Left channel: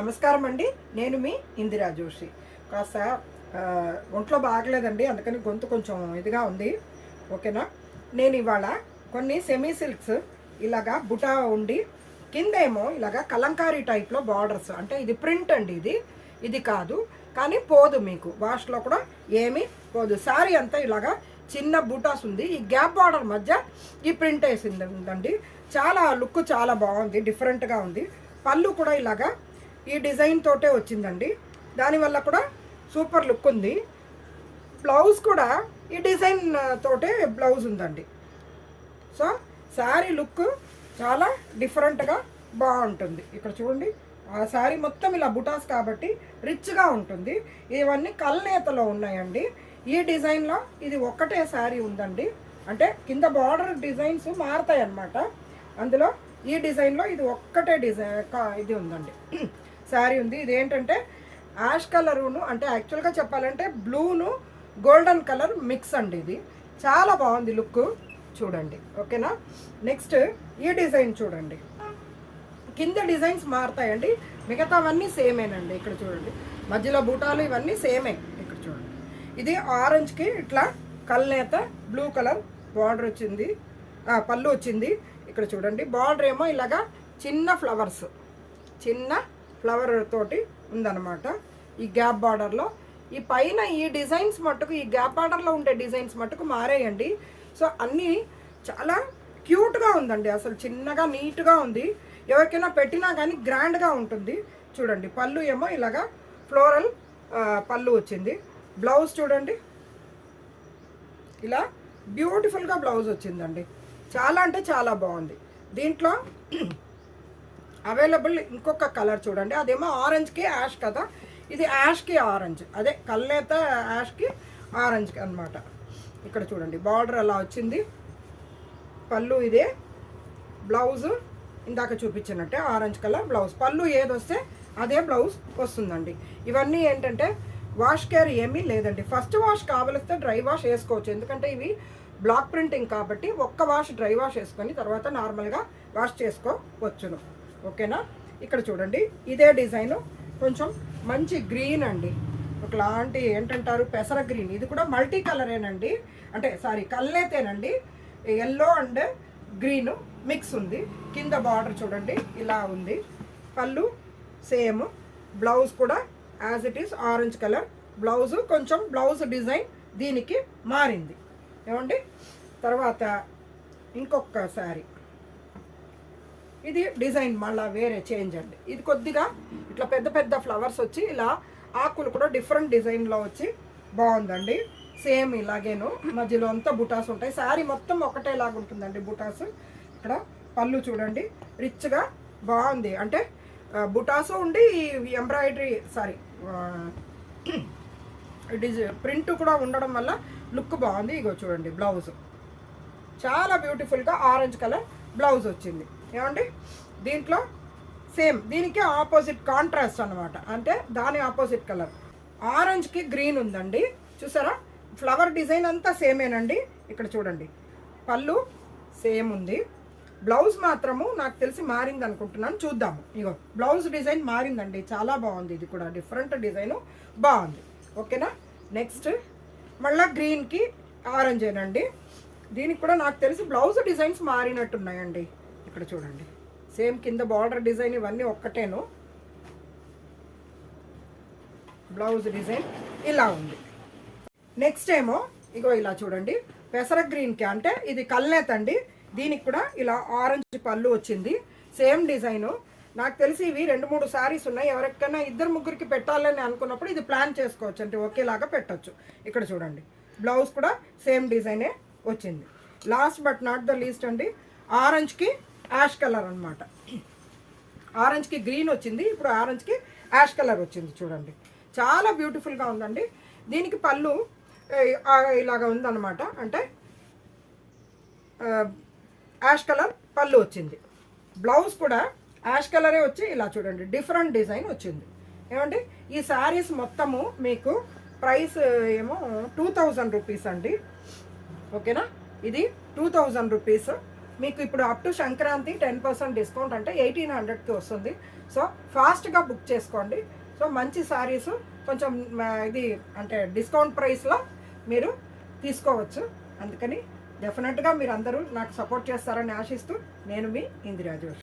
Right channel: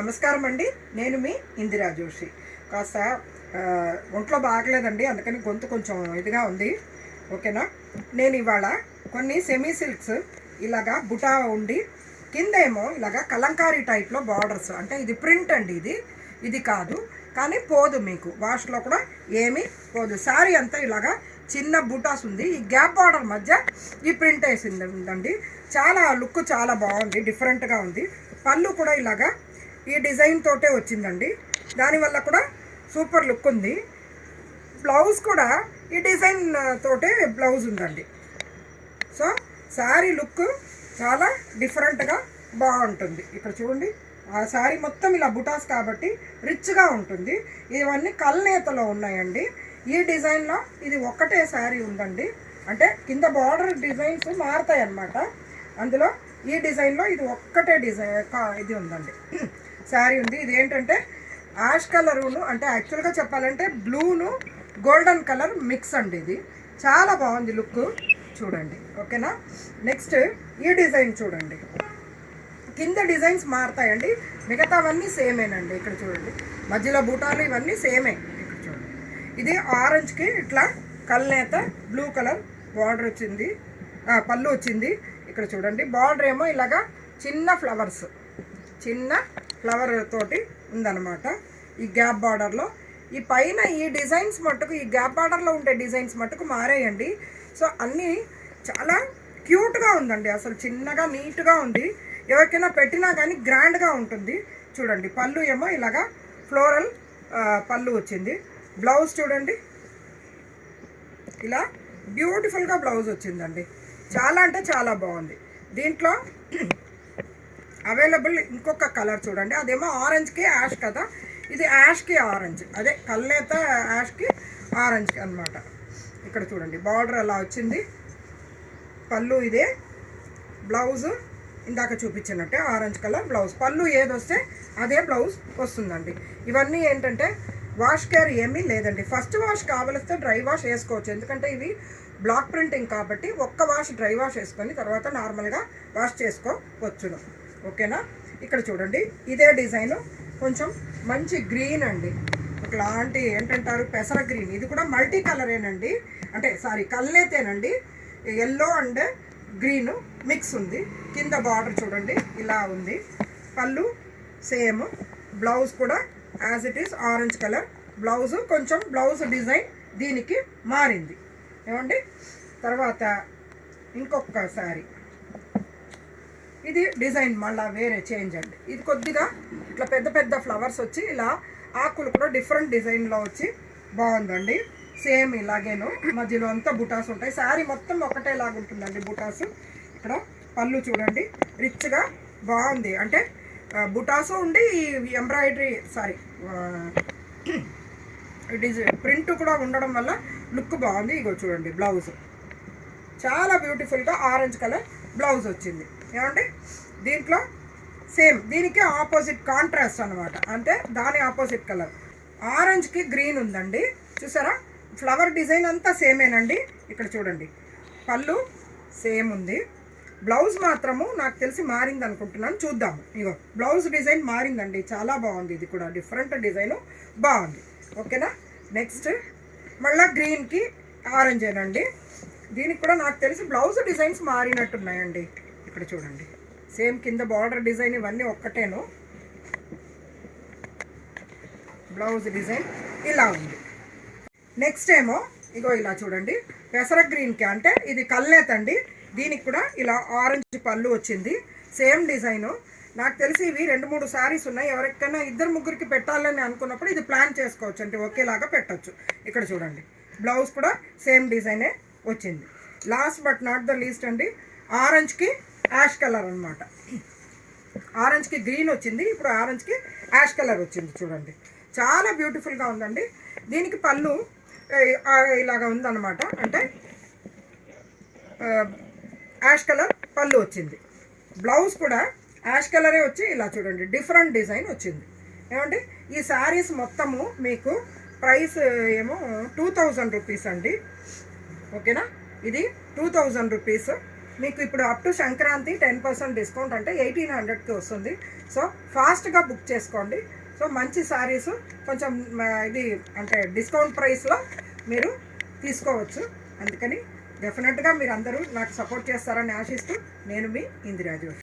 నమస్కారం అండి. నేను మీ ఇందిరా జోషి. కాస్త ఒంట్లో బాగలేదండి, అందుకని గొంతు కొంచెం ఇదిగా ఉంది. ఓకేనా. నేను ఇవాళ కొన్ని సెమీ సిల్క్స్ ఇలాగా బుటా ఉండి కిందేమో ఇలాగా కలంకారీ టైప్లో బార్డర్స్, అంటే ఇది ప్రింట్ అండి, ఇది కాదు కానీ పోదు, మీకు వాష్లో కూడా ఏమీ పోదు. శారీ అంతా ఇలాగా చిన్న బూటాస్ ఉంది, ఈ గ్యాప్ బార్డర్ మధ్య ఈ ప్రింట్ వేసింది ఉందండి. చాలా లుక్ చాలా బాగుంది, డిఫరెంట్గా ఉంది. పళ్ళు కూడా ఇలాగా ఈ డిజైన్ తోటే వచ్చిందండి, దానివల్ల కూడా సూపర్ లుక్ ఉంది. బ్లౌజ్ కూడా ఈ డిజైన్ తోటే బ్లౌజ్ ఉందండి. సో శారీ లుక్ చాలా డిఫరెంట్గా బాగుంటుంది. ఇక్కడ చూడండి, ఆ శారీ మొత్తం ఇలా బుటాస్ కాబట్టి రిచ్గా ఉంటుంది. ఇవన్నీ కల్నేతలో ఉన్నాయండి. ఈ డిజైన్లో ఇది ఒక్కటే శారీ ఉందండి, అంటే కింద బార్డర్ డిజైన్స్ మారుతాయి అన్నమాట. అందులో ఈ డిజైన్లో ఇది ఒక్కటే డిజైన్ ఇది ఉందండి, శారీ ఉంది. ఇది ఏంటంటే యాష్ కలరును, అంటే యాక్చువల్గా చెప్పాలంటే బ్లూను గోల్డెన్ కలర్ మిక్స్ అండి. ఇది చాలా బాగుంది లుక్, చూడండి. ఓకేనా. నెక్స్ట్ ఈ డిజైన్ చూడండి, కింద డిజైన్స్ మారుతాయండి, మిగతావన్నీ సేమేనండి. ఇక్కడ చూడండి, మధ్యలో బూటాలు ఇవన్నీ సేమే. ఇక్కడ చూడండి, ఇది ఆరెంజ్కి ఇట్లా కల్నేత బ్లూ కలర్ బార్డర్ వచ్చింది, పళ్ళు వచ్చింది. ఇక్కడ చూడండి, బార్డర్ ఏమో ఇలాగా చిన్న ఫ్లవర్స్, చిన్న ఫ్లవర్ తోటి ఉందన్నమాట ఈ గ్యాప్ బార్డర్లో. ఈ పైన ఈ డిజైన్స్ మట్టుకు, ఈ గ్యాప్ బార్డర్లో ఉండే డిజైన్స్ మట్టుకు మారేయండి. సో అన్నీ చాలా క్యూట్గా ఉందండి, అసలు చిన్నగా నీట్గా ఉంది. ఎవరికైనా పెట్టినా కానీ గ్రాండ్గా ఉంటుంది. చూడండి, పళ్ళు ఏమో ఇలాగా ఫ్లోరల్ పళ్ళు వచ్చింది. బ్లౌజ్ చూడండి, ఇలా బ్యూటిఫుల్గా బ్లౌజ్ వచ్చిందండి. చాలా అంటే చాలా బాగుంది. దీంట్లో అవైలబుల్ ఇంకొక కలర్ చూడండి, అదేమో ఆరెంజ్కి యాష్ కదా, ఇది యాష్కి ఆరెంజ్, అదే కల్లేత యాష్కి ఆరెంజ్కి అనమాట. ఇక్కడ చూడండి, బార్డర్ అలా వచ్చింది, పళ్ళు ఇదే, బ్లౌజు ఇందాక చూపించినట్టే ఆరెంజ్ కలర్ బ్లౌజ్. పళ్ళు ఏదొస్తే అదే బ్లౌజ్ వస్తుందండి. ఇవన్నీ ఏంటంటే వాష్ కేర్ ఏమీ లేదండి. ఫస్ట్ వాష్ కావలిస్తే డ్రై వాష్ వేసుకోవచ్చు, ఎందుకంటే ఇవి బ్లాక్ ప్రింటింగ్ కాబట్టి ఒక్క వాష్ డ్రై వాష్ వేసుకొని తర్వాత నార్మల్గా వాష్ చేసుకోవచ్చును. ఓకేనా. ఇక్కడ చూడండి, ఇదే డిజైను కొంచెం మంచి గ్రీన్ అండి, ఒకలాంటి ఏంటంటారు పెసర గ్రీన్. ఇది కూడా మల్టీ కలరేనండి, అంటే సారీ కల్నేతేనండి, ఎల్లో అండ్ గ్రీన్ మిక్స్ ఉంది. కింద బార్డర్ చూడండి ఇలా ఉంది, పళ్ళు సేమ్, బ్లౌజ్ కూడా as it is orange colour blouse. కొంచెం బ్లౌజ్ డిజైన్ దీనికి మారింది ఏమండి. తర్వాత ఇంకొక శారీ, ఇది డిజైన్ మళ్ళీ వేరే చేంజ్ అండి. ఇది కొద్దిగా ఇట్లా పెద్ద పెద్ద ఫ్లవర్స్ వచ్చి ఇలా ఆకులు కూడా డిఫరెంట్ డిజైన్లో వచ్చి బాగుందండి. సేమ్ ఇలాగేను, మధ్యలో అంతా బుటాస్ ఉంటాయి. శారీ మొత్తం ఒకటేలాగా ఉంటుందండి బుటాస్. ఇక్కడ పళ్ళు చూడండి, రిచ్గా బాగుంది, అంటే బుటాసు ఉండి ఎంబ్రాయిడరీ సారీ ప్రింట్ కూడా ఉండడం వల్ల లుక్ బాగుంది. ఇగో చూడండి, బ్లౌజ్ చాలా బ్యూటిఫుల్గా ఆరెంజ్ కలర్ బ్లౌజ్ వచ్చింది ఏమండి. దీంట్లో సేమ్ దీనికి ఆపోజిట్ కాంట్రాస్ట్ అనమాట, అంటే దాని ఆపోజిట్ కలర్ ఆరెంజ్కి గ్రీన్ ఉందండి. చూసారా, ఫ్లవర్ డిజైన్ అంతా సేమేనండి. ఇక్కడ చూడండి, పళ్ళు సేమ్ ఉంది, బ్లౌజ్ మాత్రము నాకు తెలిసి మారింది అనుకుంటున్నాను, చూద్దాము. ఇగో బ్లౌజ్ డిజైన్ మారిందండి, చాలా బాగుంది. ఇది కూడా డిఫరెంట్ డిజైను బాగుంది. ఓకేనా. నెక్స్ట్ మళ్ళీ గ్రీన్కి ఆరెంజ్ ఏనండి. దీనికి కూడా నాకు తెలిసి బ్లౌజ్ డిజైన్స్ మారినట్టున్నాయండి. ఇక్కడ చూడండి, సేమ్ కింద బార్డర్ డిజైన్ ఇవన్నీ ఒక్కటేను, బ్లౌజ్ డిజైన్ ఇలా ఉంది. నెక్స్ట్ ఏమో ఇగో ఇలా చూడండి, పెసర గ్రీన్కి, అంటే ఇది కల్నేత అండి. దీనికి కూడా ఇలా ఆరెంజ్ పళ్ళు వచ్చింది, సేమ్ డిజైను. నాకు తెలిసి ఇవి 2-3 శారీస్ ఉన్నాయి. ఎవరికైనా 2-3కి పెట్టాలని అనుకున్నప్పుడు ఇది ప్లాన్ చేసుకోవచ్చు, అంటే ఒకేలాగా పెట్టచ్చు. ఇక్కడ చూడండి, బ్లౌజ్ కూడా సేమ్ డిజైనే వచ్చింది. Last but not the least అండి, ఆరెంజ్కి యాష్ కలర్ అనమాట. ఆరెంజ్కి గ్రీన్ వచ్చింది, ఇప్పుడు ఆరెంజ్కి యాష్ కలర్ వచ్చింది. చూడండి, చాలా బ్యూటిఫుల్గా ఉందండి. దీనికి పళ్ళు ఇలాగా ఉందన్నమాట, అంటే యాష్ కలర్ పళ్ళు వచ్చింది. బ్లౌజ్ కూడా యాష్ కలరే వచ్చి ఇలా చూడండి, డిఫరెంట్ డిజైన్ వచ్చింది ఏమండి. ఈ శారీస్ మొత్తము మీకు ప్రైస్ ఏమో 2000 రూపీస్ అండి. ఓకేనా, ఇది 2000 రూపీస్. మీకు ఇప్పుడు అప్ టు సంక్రాంతి 10% డిస్కౌంట్ అంటే 1800కి వస్తుంది. సో ఫాస్ట్గా బుక్ చేసుకోండి. సో మంచి శారీస్ కొంచెం ఇది అంటే డిస్కౌంట్ ప్రైస్లో మీరు తీసుకోవచ్చు. అందుకని డెఫినెట్గా మీరు అందరూ నాకు సపోర్ట్ చేస్తారని ఆశిస్తూ నేను మీ ఇందిరా జోషి.